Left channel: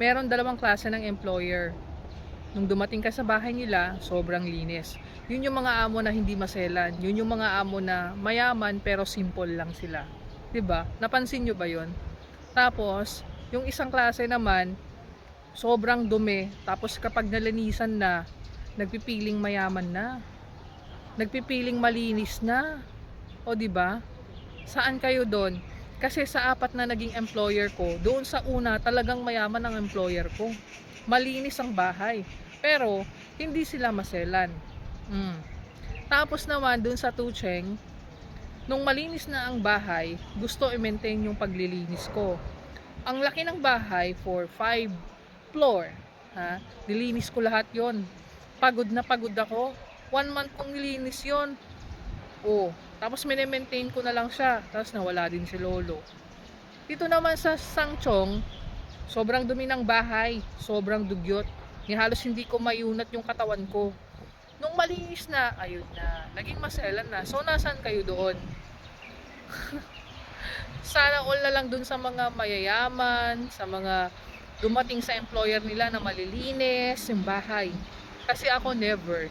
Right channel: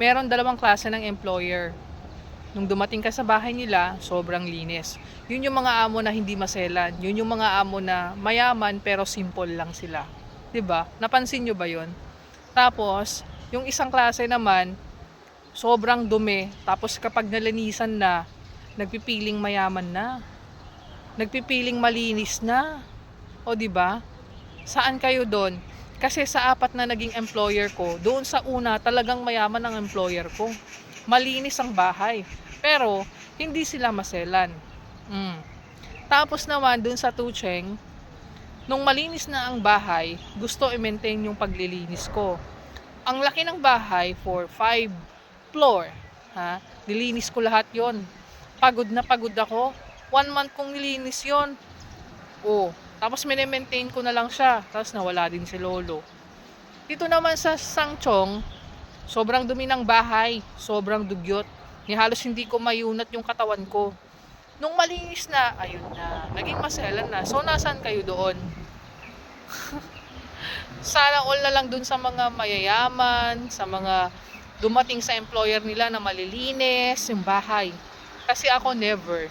Meron dalawang klase ng employer. Nung dumating ka sa bahay nila, sobrang linis. Yun yung mga amo na hindi maselan. Yun yung mga amo na mayaman pero simple lang sila. 'Di ba? Napansin nyo ba yun? Tapos, yung isang klase naman, sobrang dumi. Tapos kapag nalinisan na, nagpipiling mayaman na. Nagpipiling malinis na. O 'di ba? Saan kayo doon? Kasi sa apat na naging employer ko, doon sa una talagang mayaman ang employer ko. Malinis ang bahay. Pero hindi sila maselan. Mm. Tapos naman doon sa Tucheng, nung malinis na ang bahay, gusto i-maintain yung paglilinis ko. Ang laki ng bahay for 5 floor. Ha? Nilinis ko lahat yon. Pagod na pagod ako. 1 month kong nilinis yon. Oh, tapos mini-maintain ko na lang siya. Tapos nawala din si Lolo. Dito naman sa Sangchong, sobrang dumi ng bahay. Sobrang dugyot. Ni halos hindi ko mayunat yung katawan ko. Nung malinis na, ayun na. Naging maselan na. So, nasaan kayo doon? Sana all na lang dun sa mga mayayaman, sa mga dumating sa employer nila na malilinis yung bahay. Kasi ako never.